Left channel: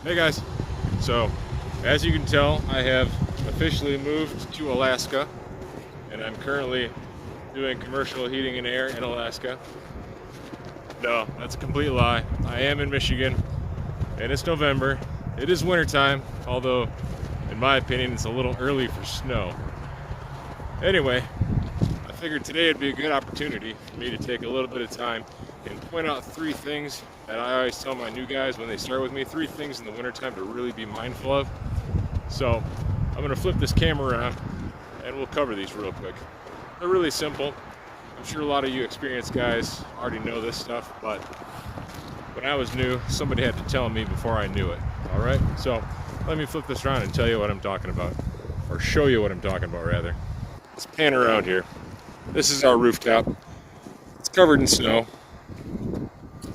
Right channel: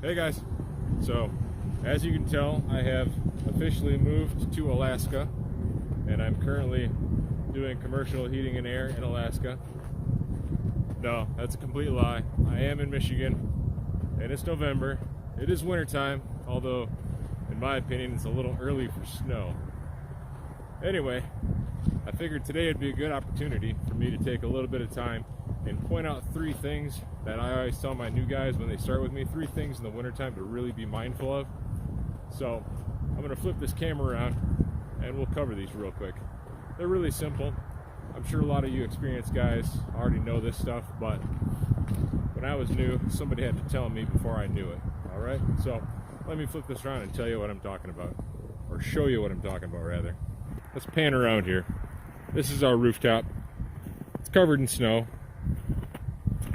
Hey guys, so as you can tell, I have officially moved to Alaska, and I'm currently doing commercial heating and air in Alaska. No, that's a complete lie. I am in Michigan, and it's November. It is wintertime, although in my opinion it's a little early for snow. Anyway, I figured today would be a good opportunity for me to take a little bit of time and point out 3 things that I always tell my new guys when they start with me, 3 things in the wintertime to really be mindful of. So I'm gonna flip this camera around and we'll cover these real quick. They're really simple. I'm sure a lot of you experienced guys already know this stuff, but when I was new, somebody had to tell me before I knew it. All right, so let me flip this around and tell you what I'm talking about, or show you what I'm talking about rather. Let's pan around here. This is our rooftop. It's covered in snow.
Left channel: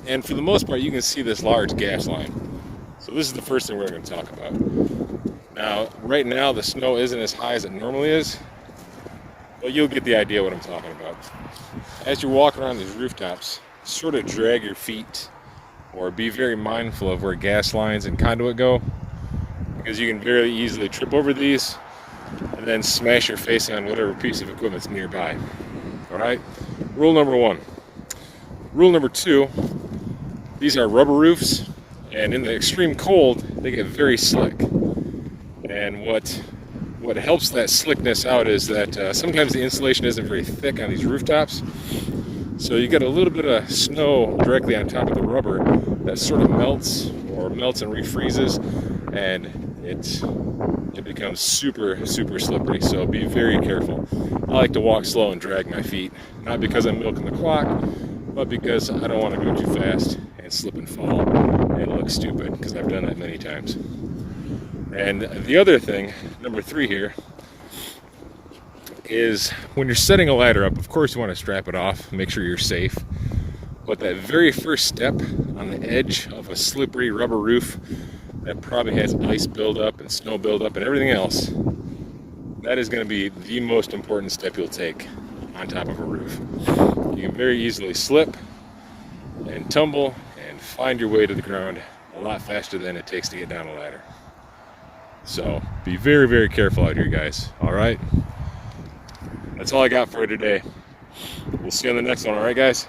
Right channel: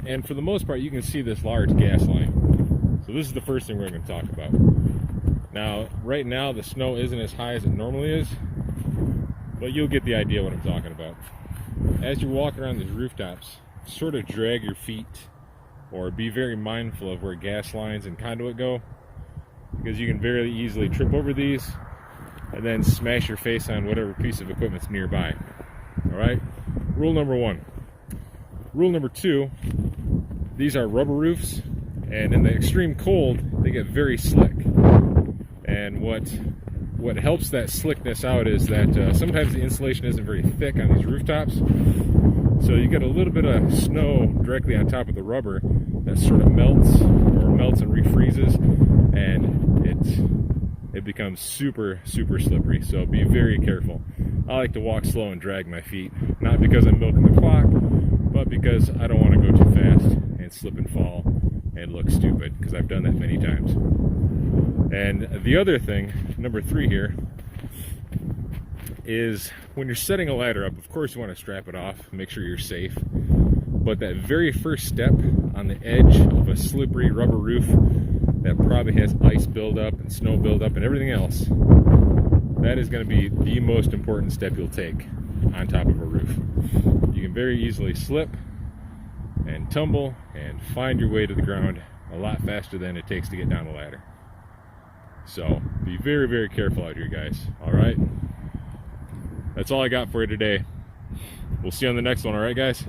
And for the most part, you can see this large gas line. So this is the first thing we're going to talk about. Now, right now, the snow isn't as high as it normally is, but you'll get the idea what I'm talking about. As you're walking around these rooftops, sort of drag your feet or be very mindful of where gas lines and conduit go, because you can very easily trip over these and then smash your face on whatever piece of equipment's nearby. All right? Rule number 1. Rule number 2, these are rubber roofs, and in the extreme cold, they get very slick. And what helps that slickness out is that sometimes the insulation isn't very thick on these rooftops. So you get a little bit of snow directly on top of the rubber that sort of melts and refreezes, and it becomes super slippery. So be very careful. I like to walk slow and drag my feet, not because I'm milking the clock, but because I don't want to go too fast and slip and fall and look stupid, because I've done that many times. And the other thing, number 3 here, is when you're setting a ladder up, of course you want to strap it off, make sure you're safe. But that very first step on the edge of a slippery rubber roof that probably has ice buildup and snow buildup and everything else, that is going to be the most important step you'll take on top of a roof. You can very easily slip and tumble and find your way to the ground a lot faster than it takes to get down a ladder. So be very careful out here, guys. All right, that's all I got for you today. We'll see you on the next one. All right, guys.